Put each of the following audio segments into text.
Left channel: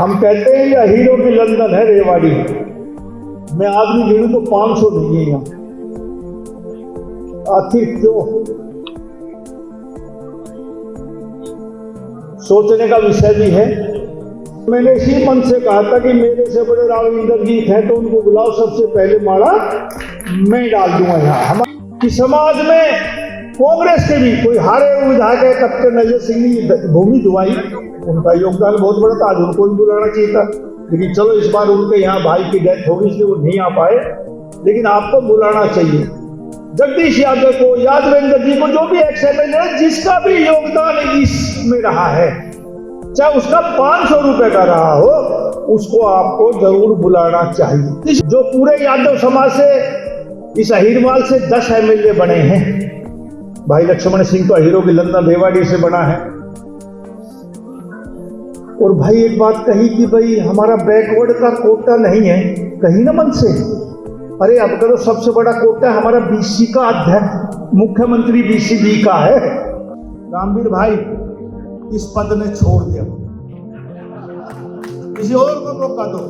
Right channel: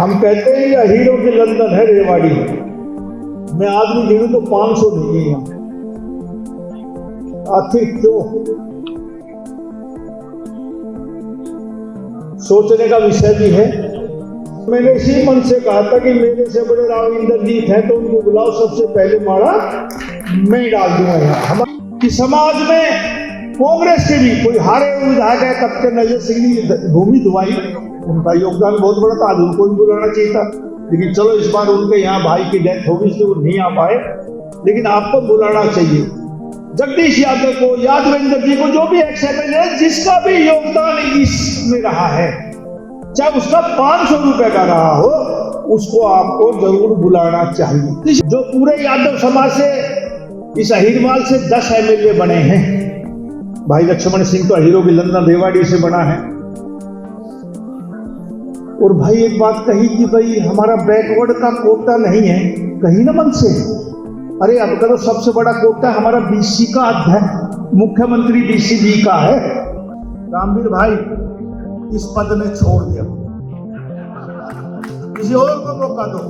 हम कहते हैं या हीरो की लंदन है रेवाड़ी। मैं आदमी गिनूं तो 500 नहीं है। आखिर क्यों? सोचने का विषय भी है। मैंने इसी मन से कहा था कि मेरे से बड़े राव इंद्रजीत हैं तो उनको बुलाओ, सबसे पहले माड़ा मैं डाल दूंगा यहाँ। कि समाज में कांग्रेस के भी कोई हारे विधायक है, कैप्टन अजय सिंह ने भूमि धुआई, उनका योगदान बहुत बड़ा था, आज उनको भी बुलाना चाहिए था। लेकिन चलो इस बार उनके यहाँ भाई की डेथ होगी इसलिए वो नहीं आ पाए, लेकिन आपको बुलाना चाहिए। जगदीश यादव को, यादवेंद्र जी को, जो भी एक्सएमएलए है जिसका भी योगदान इसमें रहा है, चाहे उसका 500 रुपए का रहा हो, उसको आपको जरूर बुलाना चाहिए। जो पूरे यादव समाज से, इस अहिरवाल से 10 एमएलए बने हैं। भाई लक्ष्मण सिंह तो हीरो की लंदन रेवाड़ी से बना है। और भाई एक बात कही कि भाई हमारा बैकवर्ड का कोटा नहीं है, कहीं ना मन से। अरे अब तो सबसे बड़ा कोटा हमारा बीसी का अध्यक्ष, मुख्यमंत्री बीसीबी का है। रामवीर भाई इस पद ने छोड़ दिया, किसी और को मौका दो।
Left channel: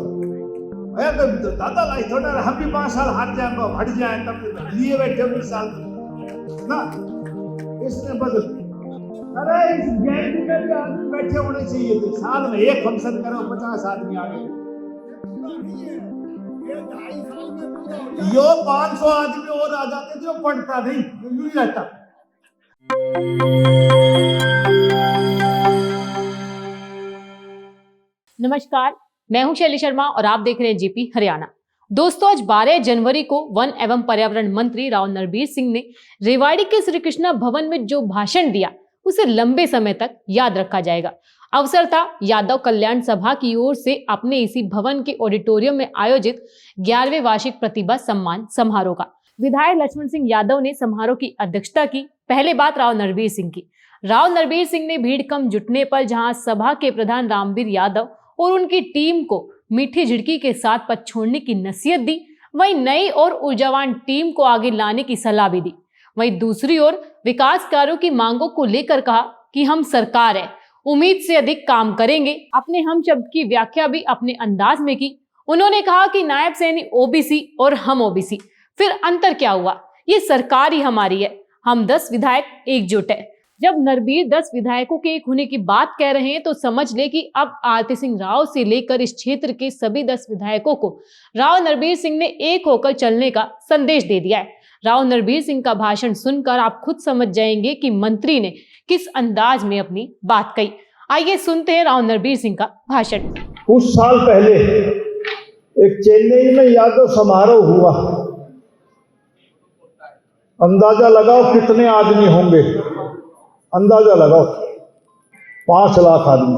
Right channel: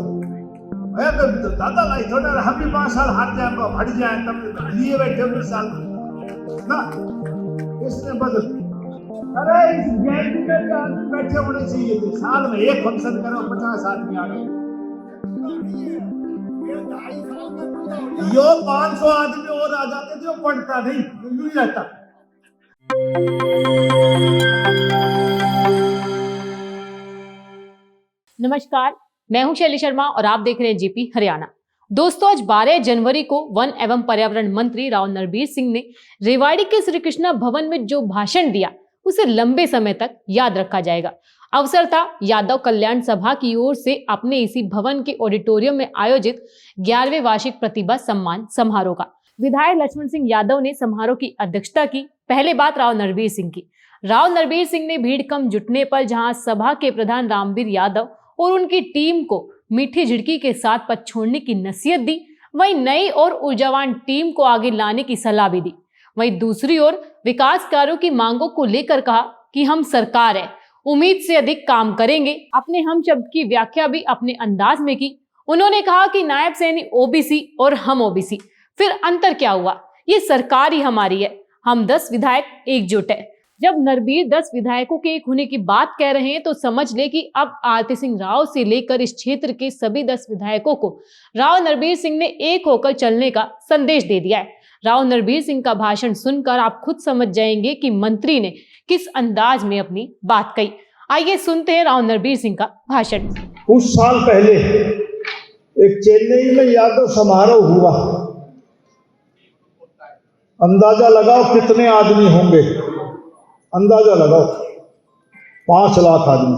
दादा लाई थोड़ा हम भी 5 साल हाथ जाए हट जाए, तब लिए बैठे 20 साल ना, इसने बदल। अरे इस गैंग में भी आदमी बैठे होने चाहिए थे। साल में एक फंक्शन करो, 50 आदमी आ गए। यो 500 आदमी और आ जाते थे, पढ़ता नहीं, नहीं रहता। नमस्कार, मैं हूं शैली शर्मा और आप देख रहे हैं जीपी हरियाणा। दोस्तों, आज 12 जनवरी को वन एवं पर्यावरण मंत्री राव नरबीर सिंह ने रेवाड़ी के श्री कृष्णा भवन में जो भाषण दिया उसे लंबे समय तक याद रखा जाएगा। अवसर था यादव कल्याण सभा की ओर से अपने इसी भवन के ऑडिटोरियम में आयोजित 11वें वार्षिक प्रतिभा सम्मान समारोह का। विधायक लक्ष्मण सिंह यादव ने समारोह की अध्यक्षता की। पहले बात राव नरबीर सिंह की। राव नरबीर सिंह ने भीड़ कम जुटने पर जहां सभा के प्रधान रामवीर यादव और उनकी टीम को मीठी झिड़की के साथ पद छोड़ने की नसीहत दी, वहीं नई और ऊर्जावान टीम को आगे लाने की सलाह भी दी। वहीं दूसरी ओर विकास कार्यों की मांगों को लेकर कहा कि हम सरकार है, उम्मीद से अधिक काम करेंगे। अपने हम शब्द की व्याख्या भी अपने अंदाज में की। उन्होंने कहा कि नायब सैनी ओबीसी और हम ओबीसी, फिर अंतर क्या हुआ? ये सरकार ही हमारी है, हम 10 विधायक एकजुट है। जब नरबीर 10 विधायकों के एक होने की बात कह रहे हैं तो समझ ले कि अब आरती सिंह राव से लेकर इस क्षेत्र के सभी 10 विधायकों को राव नरबीर सिंह ने एक होकर चलने का संदेश दे दिया है। राव नरबीर सिंह का भाषण सुनकर आप खुद समझ जाएंगे कि मंत्री ने किस अंदाज में अपनी बात कही। आइए सुनते हैं राव नरबीर सिंह का भाषण। कुछ साल पहले एक चेन्नई में यादव समारोह हुआ। अंदाजा लगाओ कितने आदमी होंगे, अंदाजा लगाओ। 5 लाख आदमी।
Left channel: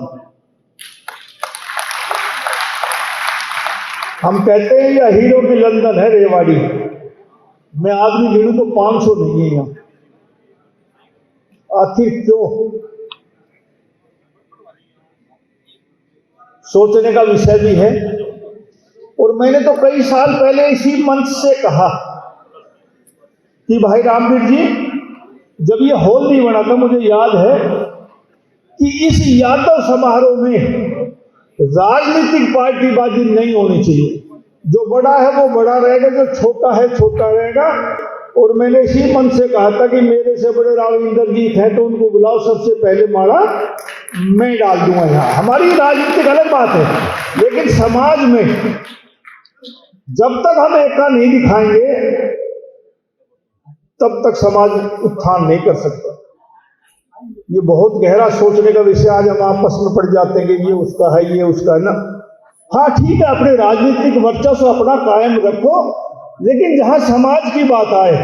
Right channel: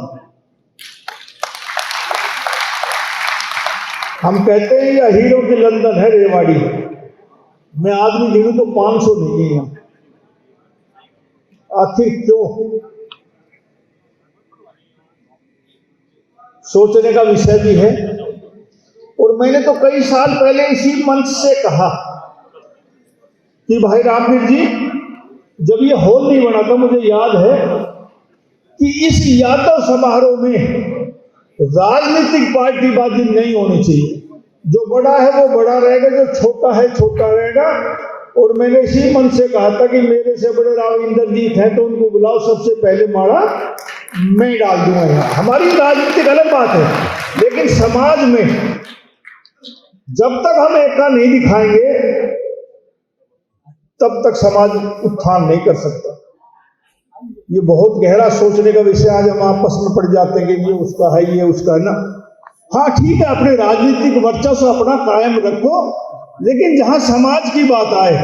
हम कहते हैं या हीरो की लंदन है रेवाड़ी। मैं आदमी गिनूं तो 500 नहीं है। आखिर क्यों? सोचने का विषय भी है। और मैंने तो कई साल पहले इसी मंच से कहा कि भाई रामवीर जी, जब ये हॉल नहीं बना था, मुझे याद है कि इस यादव समारोह में राजनीतिक पार्टीबाजी नहीं होनी चाहिए। जो बड़ा है वो बड़ा रहेगा, जो छोटा है छोटा रहेगा। और मैंने इसी मन से कहा था कि मेरे से बड़े राव इंद्रजीत हैं तो उनको बुलाओ, सबसे पहले माड़ा मैं डाल दूंगा यहाँ। हमारी राजनीतिक अलग बात है, लेकिन समाज में जब तक हम एकता नहीं दिखाएंगे तब तक समाज उत्थान नहीं कर सकता। ये बहुत गहरा सोचने का विषय। आज हम आपस में पड़ जाते हैं कि ये उसका है, ये उसका है ना। हाँ ठीक है, अपने राजनीतिक वर्चस्व अपना कायम रखो, लेकिन जहां समाज की बात आए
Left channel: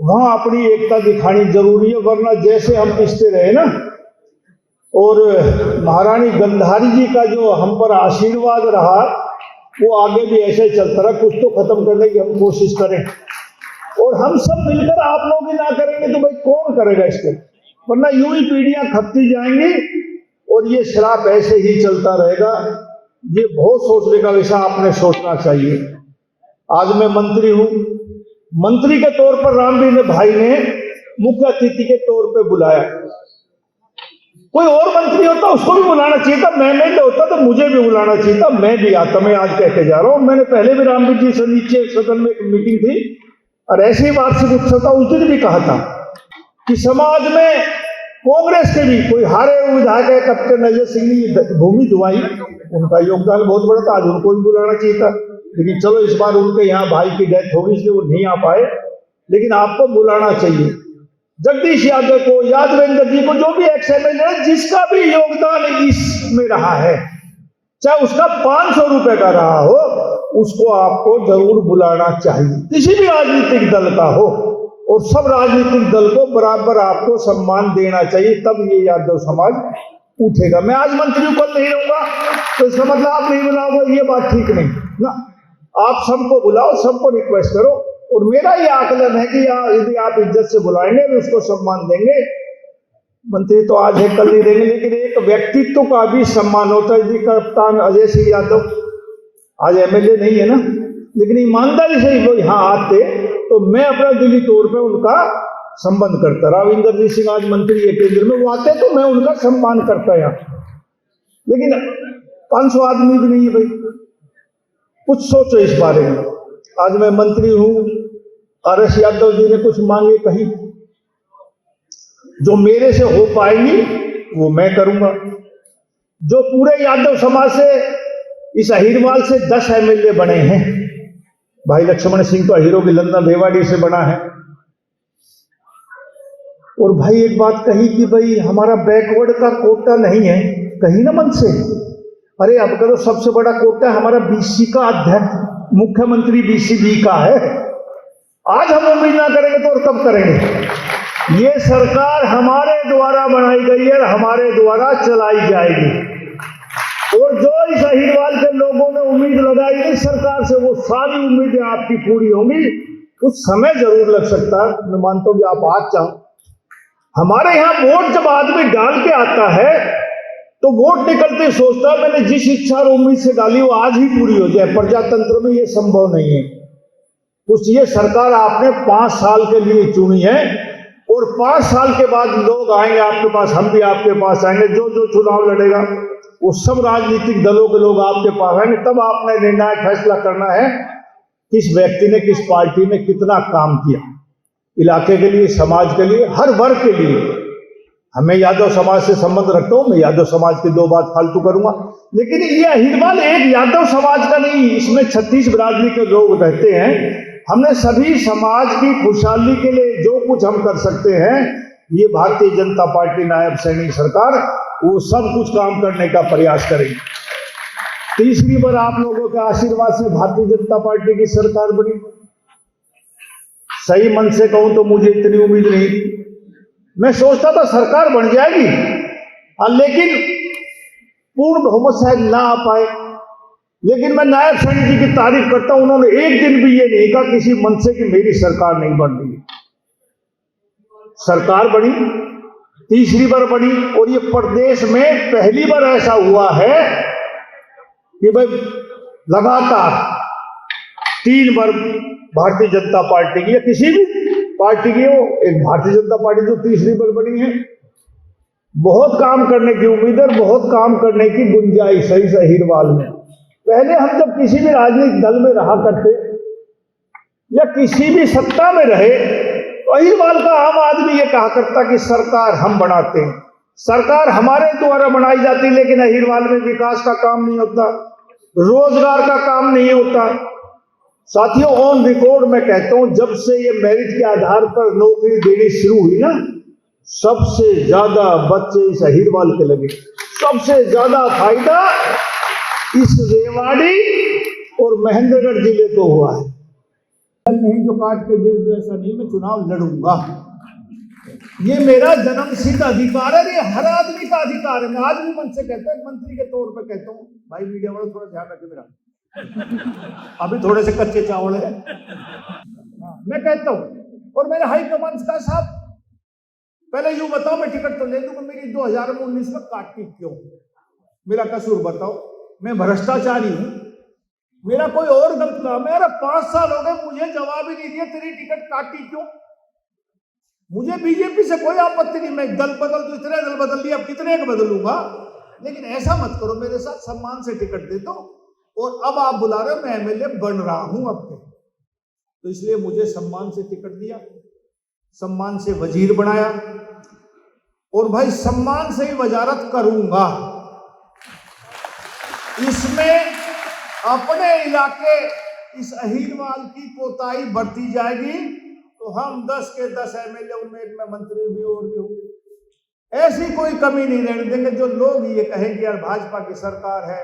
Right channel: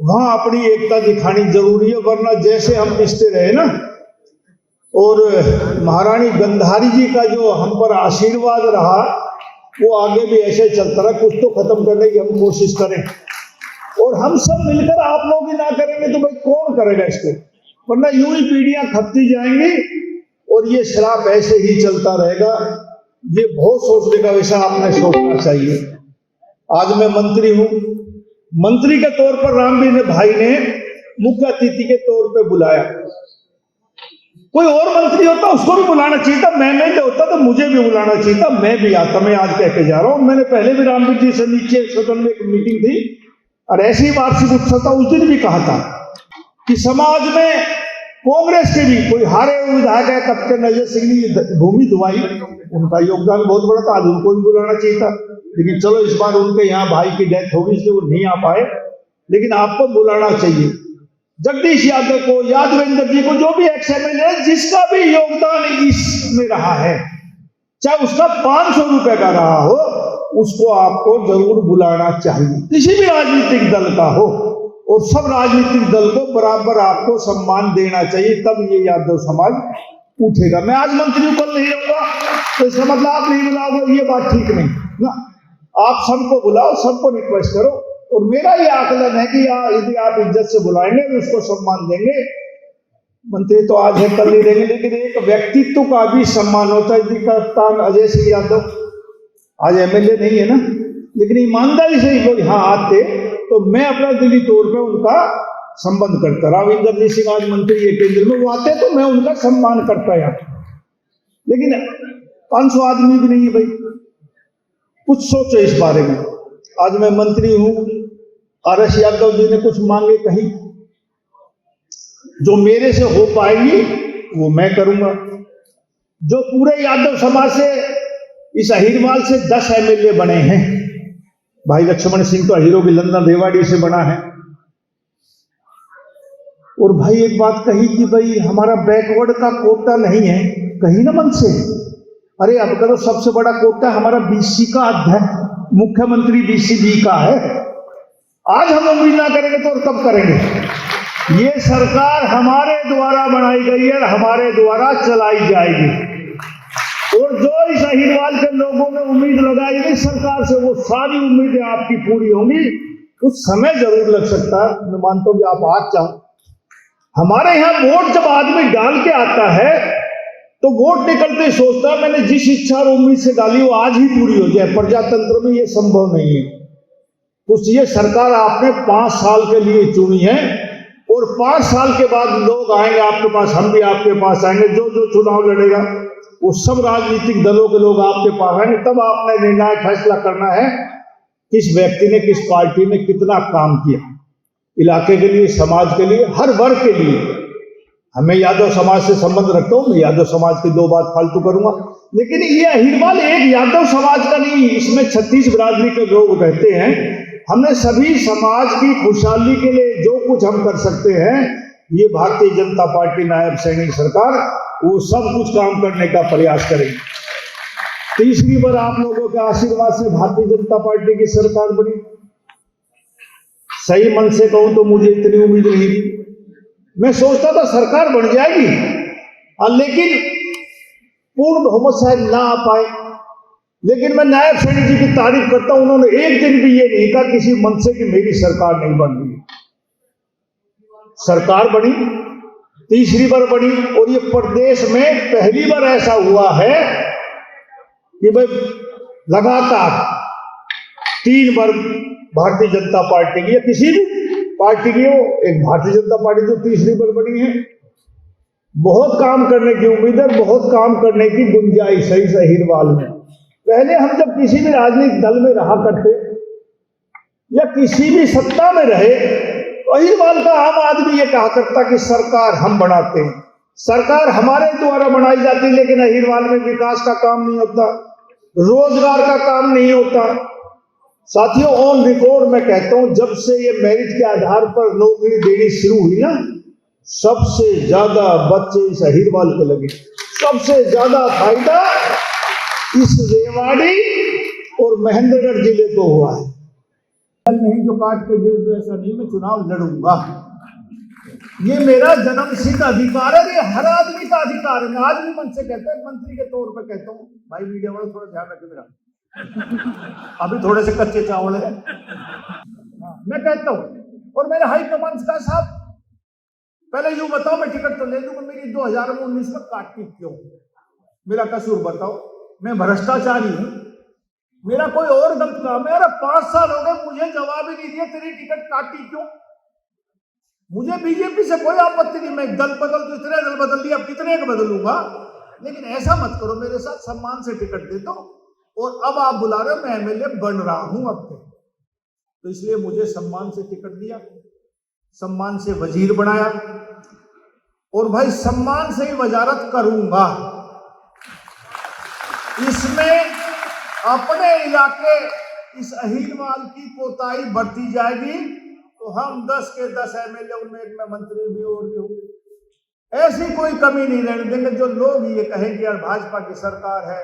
वहां अपनी एकता दिखानी जरूरी है। वरना जैसे हम पिसते रहे ना, और महारानी गंधारी जी का जो हम पर आशीर्वाद रहा वो आगे भी ऐसे ही चलता रहा। कुछ तो खत्म करने की हम कोशिश करें, और हम सब मिलकर आप लोग ही ना करेंगे तो भाई कौन करेगा इसको? वरना यूं ही पीढ़ियां खपती जाएंगी और ये श्राप ऐसे ही चलता रहेगा। ये बहुत सोचने का विषय, आपने सोचना चाहिए। आज मैं मंत्री हूं, मंत्री के तौर पर रामवीर भाई ने मुख्य अतिथि के तौर पे बुलाया। कोई और मंत्री होता उसको भी बुलाना चाहिए था, मैं नहीं होता तो मुझे भी बुलाना चाहिए था, मैं भी आता। मैं आज कह के जा रहा हूं, मैंने पहले भी रामवीर जी से नीचे सदन में एक मीटिंग थी और ऐसे ही वार्षिक उत्सव था, उस दिन भी कहा था कि समाज में कांग्रेस के भी कोई हारे विधायक है, कैप्टन अजय सिंह ने भूमि दुआई, उनका योगदान बहुत बड़ा था, आज उनको भी बुलाना चाहिए था। लेकिन चलो इस बार उनके यहाँ भाई की डेथ होगी इसलिए वो नहीं आ पाए, लेकिन आपको बुलाना चाहिए। जगदीश यादव को, यादवेंद्र जी को, जो भी एक्स एमएलए है, जिसका भी योगदान इसमें रहा है, चाहे उसका 500 रुपए का रहा हो, उसको आपको जरूर बुलाना चाहिए, किसी भी राजनीतिक दल का हो, और सब राजनीतिक दल को बराबर आपको सम्मान देना चाहिए, तब ये यादव समाज उठेगा। मैं आज मंत्री कल नहीं रहूंगा तो इसका मतलब आप नहीं बुलाओगे, ये बात ठीक नहीं ना। आप सबको बुलाओ, सबको रिक्वेस्ट करो, और मेरा ये आकलन है कि यदि आप इज्जत से बुलाएंगे तो उसको सम्मान देंगे। मंत्री तो आज है कल नहीं देंगे, लेकिन एक व्यक्तित्व का भी सम्मान होता है। जी कप्तान अजय सिंह यादव आज एमएलए नहीं है ना, लेकिन ईमानदारी से ही यहाँ आते तो मैं अपना दिली तौर पे उनका संबंध करता। राविंदर जी सिंह आज मंत्री है केंद्र में, वो आते तो मैं उनका सम्मान करता यहाँ। लेकिन 500 आदमी भी नहीं है भाई, कुछ सोचो इस बारे में। आज मैं मंत्री हूं, आरएस यादव जी ने कुछ मांगे कही, जो मेरे से हो पाएंगी वो मैं करूंगा। जो पूरे यादव समाज से, इस अहिरवाल से 10 एमएलए बने हैं, भाई लक्ष्मण सिंह तो अहिरो लंदन रेवाड़ी से बना है। और भाई एक बात कही कि भाई हमारा बैकवर्ड का कोटा नहीं है, कही ना मन से, अरे अब करो सबसे बड़ा कोटा हमारा बीसी का अध्यक्ष, मुख्यमंत्री बीसीबी का है। आज हम उम्मीद ना करेंगे तो और कब करेंगे? ये सरकार हमारे द्वारा बनाई गई है, हमारे द्वारा चलाई जाएगी, और जो इस अहिरवाल के लोगों ने उम्मीद लगाई है सरकार से, वो सारी उम्मीदें आपकी पूरी होंगी। कुछ समय जरूर लग सकता है, मैं मानता हूं कि आप आज चाहो। हमारे यहाँ वोट जब आदमी डाल के आता है तो वोट निकलते सोचता है मैंने जिस इच्छा और उम्मीद से डाली वो आज ही पूरी हो जाए। प्रजातंत्र में ये संभव नहीं है। कुछ ये सरकार आपने 5 साल के लिए चुनी है, और 5 साल के बाद लोग आएंगे आपके पास, हम भी आपके पास आएंगे। जो जो चुनाव लड़ेगा वो सब राजनीतिक दलों के लोग आपके पास आएंगे, तब आपने निर्णायक फैसला करना है किस व्यक्ति ने, किस पार्टी ने कितना काम किया इलाके के लिए, समाज के लिए, हर वर्ग के लिए। हमें यादव समाज से संबंध रखता हूं, मैं यादव समाज की 2 बात फालतू करूंगा, लेकिन ये अहिरवाल एक यादव समाज का नहीं, इसमें 36 बिरादरी के लोग रहते हैं। हमने सभी समाज की खुशहाली के लिए जो कुछ हम कर सकते हैं, ये भारतीय जनता पार्टी नायब सैनिक सरकार वो सब कुछ काम करने का प्रयास करेगी। तीसरी बार आप लोगों के आशीर्वाद से भारतीय जनता पार्टी की सरकार बनी। सही मन से कहूं तो मुझे इतनी उम्मीद नहीं थी, मैं सोचता था सरकार बन जाएगी, लेकिन पूर्ण बहुमत शायद ना आ पाए। लेकिन मैं नायब सैनिक जी की तारीफ करता हूं, उन्होंने एक दिन भी ये नहीं कहा किसी मन से कि मेरी सरकार नहीं बन रही। सरकार बनी, तीसरी बार बनी, और ये प्रदेश में पहली बार ऐसा हुआ है कि भाई लगातार 3 बार भारतीय जनता पार्टी की या किसी भी पार्टी की हो, एक भारतीय जनता पार्टी जो तीसरी बार बनी है। बहुत काम करने की उम्मीद है, बहुत काम करने की गुंजाइश है इस अहिरवाल में। पहले हम जब किसी भी राजनीतिक दल में रहा करते या किसी भी सत्ता में रहे, तो अहिरवाल का आम आदमी ये कहा करता कि सरकार हम बनाते हैं, सरकार हमारे द्वारा बनाई जाती, लेकिन अहिरवाल में विकास का काम नहीं होता, रोजगार का काम नहीं होता। साथियों, ऑन रिकॉर्ड मैं कहता हूं, जब से ये मेरिट के आधार पर नौकरी देनी शुरू हुई ना, सबसे ज्यादा बच्चे इस अहिरवाल के लगे, सबसे ज्यादा फायदा इस रेवाड़ी और महेंद्रगढ़ जिले को हुआ है। नहीं जो काट के गिर दो, ऐसा नहीं, मैं चुनाव लड़ूंगा, ये मेरा जन्मसिद्ध अधिकार है, ये हर आदमी का अधिकार है। मैं आज भी मन से कहता हूं, मंत्री के तौर पर कहता हूं, भाई मीडिया वालों थोड़ा ध्यान रखे मेरा, अभी थोड़े से कच्चे चावल है। मैं कहता हूं, और मेरे हाई कमांड का साहब पहले यूं बताओ, मैं टिकट तो ले दूंगा, मेरी 2019 में काटी क्यों? मेरा कसूर बताओ, मैं भ्रष्टाचारी हूं, मेरा कोई और गलत काम है? 5 साल हो गए मुझे जवाब ही नहीं दिया, तेरी टिकट काटी क्यों? मुझे बीजेपी से कोई आपत्ति नहीं, मैं दल बदल तो इतने दल बदल दिया, अब कितने का बदलूंगा, लेकिन ऐसा मत करो मेरे साथ, सम्मान से टिकट दे दो। और अब आप बुला रहे हो, मैं एमएलए बन रहा हूं अब के, तो इसलिए मुझे सम्मान से टिकट दिया, सम्मान से वजीर बनाया, और भाई सम्मान से ही वजारत करूंगा। इसमें अपने इलाके इस अहीरवाल की कोताही बढ़ती जाएगी तो हम 10 के 10 एमएलए में मंत्री भी और भी होंगे। ऐसी कोई कमी नहीं रहने देंगे जो लोग ये कहेंगे यार भाजपा की सरकार है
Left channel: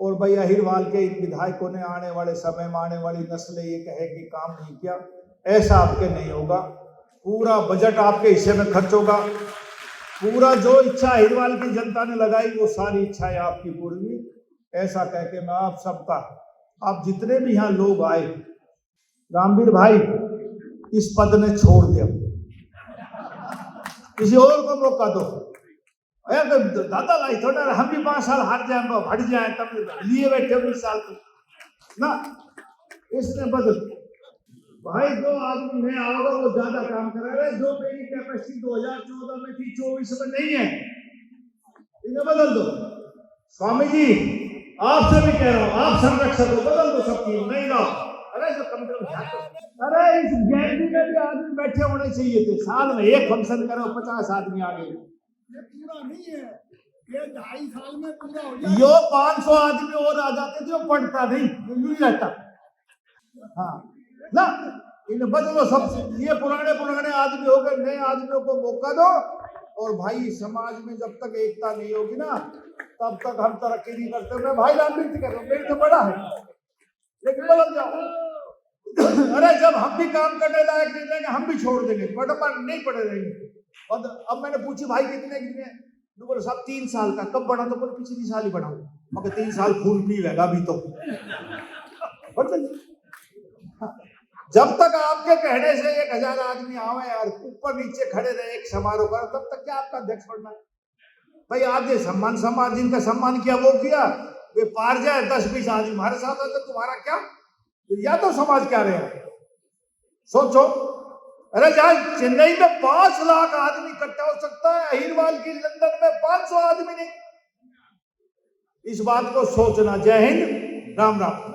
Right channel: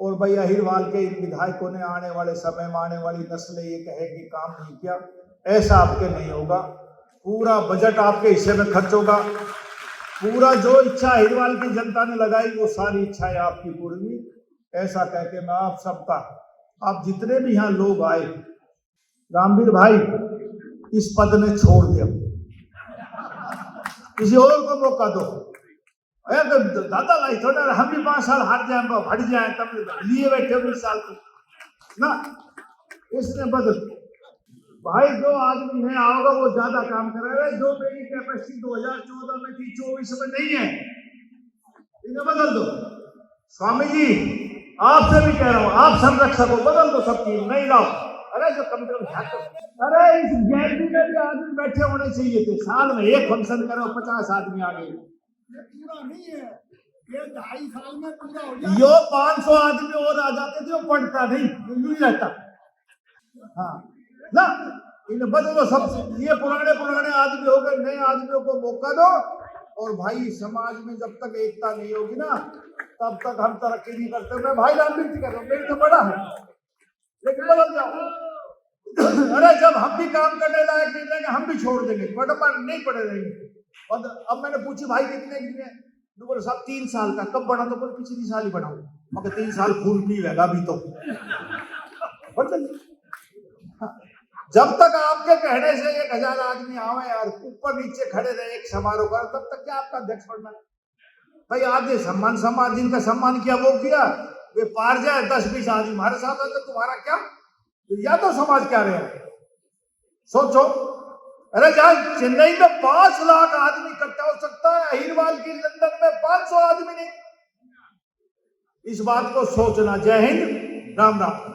और भाई अहीरवाल के इन विधायकों ने आने वाले समय में आने वाली नस्लें ये कहेगी काम नहीं किया। ऐसा आपके नहीं होगा, पूरा बजट आपके हिस्से में खर्च होगा, पूरा जो इच्छा अहीरवाल की जनता ने लगाई वो सारी इच्छाएं आपकी पूरी। ऐसा कह के मैं आप सबका, आप जितने भी यहाँ लोग आए, रामवीर भाई इस पद ने छोड़ दिया, किसी और को मौका दो। तो दादा लाई थोड़ा हम भी 5 साल हार जाए हट जाए तब लिए बैठे 20 साल को ना, इसने बदल भाई जो आदमी है आओगे वो ज्यादा काम करेगा, जो मेरी कैपेसिटी 2014 में थी 24 में नहीं है, इन्हें बदल दो। स्वामी जी आपसे भी कह रहा हूँ, आप संरक्षक हो, बदल दो सबकी, नहीं लाओ। अरे जो कम से कम अरे इस गैलरी में भी आदमी बैठे होने चाहिए थे, साल में एक फंक्शन करो 50 आदमी आ गए, ये पूरा नहीं है, ये 2.5 साल में पूरा हो जाए। यो 500 आदमी और आ जाते थे, वो पढ़ता नहीं रहता। हाँ ना, इन्हें बदलो सब, ये पुराने आदमी हो गए, नए आदमियों को मौका दो। और भाई समाज में जब तक एकता नहीं होगी ना तब तक हम तरक्की नहीं करते। मैं भाई रामवीर जी कह रहा हूँ, मेरी तो बड़ा है लेकिन बदल जाओ। अरे जब हम भी काम करने लायक नहीं रहेंगे हम भी छोड़ देंगे, बटन नहीं पड़े रहेंगे। और अब मैंने पूछी भाई कितने तो बोले साहब 3 साल का। कब बढ़ा? तो बोले पिछली साल ही बढ़ा, मगर 3 साल खून पी रहेगा अभी तो। जब तक आपके कहने से 1000 आदमी आवे और ऊपर नीचे खड़े रहे एक समारोह कर, तब तक क्या आपका अध्यक्ष बनना है? भाई आपने सम्मान समाज जिनका सम्मान किया वो किया, वे पार जाए 10-20 आदमी हमारे साथ हो तो तुम्हारा क्या, या तो समाज क्या रहे? सोचो। अरे जहां चेन्नई में 5 लाख आदमी इकट्ठा हो सकता है, अहीरवाल की लंदन में 500 आदमी नहीं। इस बात को सोचना। जय हिंद, राम राम।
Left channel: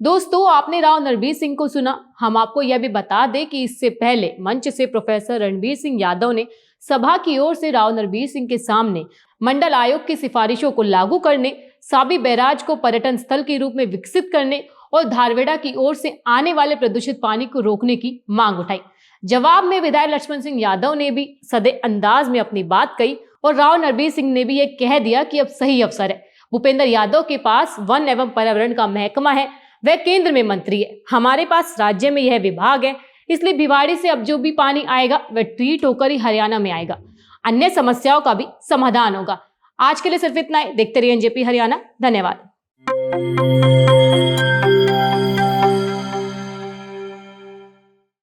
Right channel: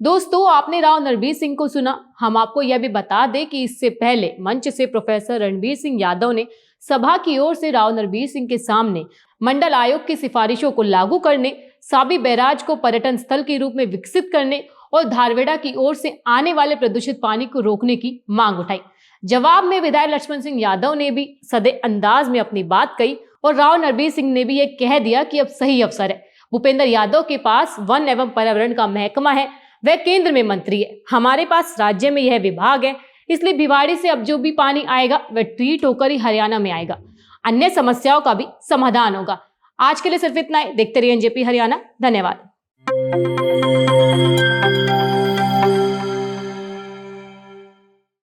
दोस्तों आपने राव नरबीर सिंह को सुना। हम आपको यह भी बता दें कि इससे पहले मंच से प्रोफेसर रणबीर सिंह यादव ने सभा की ओर से राव नरबीर सिंह के सामने मंडल आयोग की सिफारिशों को लागू करने, साबी बैराज को पर्यटन स्थल के रूप में विकसित करने और धारवेड़ा की ओर से आने वाले प्रदूषित पानी को रोकने की मांग उठाई। जवाब में विधायक लक्ष्मण सिंह यादव ने भी सदे अंदाज में अपनी बात कही और राव नरबीर सिंह ने भी यह कह दिया कि अब सही अवसर है। भूपेंद्र यादव के पास वन एवं पर्यावरण का महकमा है, वह केंद्र में मंत्री है, हमारे पास राज्य में यह विभाग है, इसलिए भिवाड़ी से अब जो भी पानी आएगा वह ट्रीट होकर ही हरियाणा में आएगा, अन्य समस्याओं का भी समाधान होगा। आज के लिए सिर्फ इतना ही। देखते रहिए एनजेपी हरियाणा। धन्यवाद।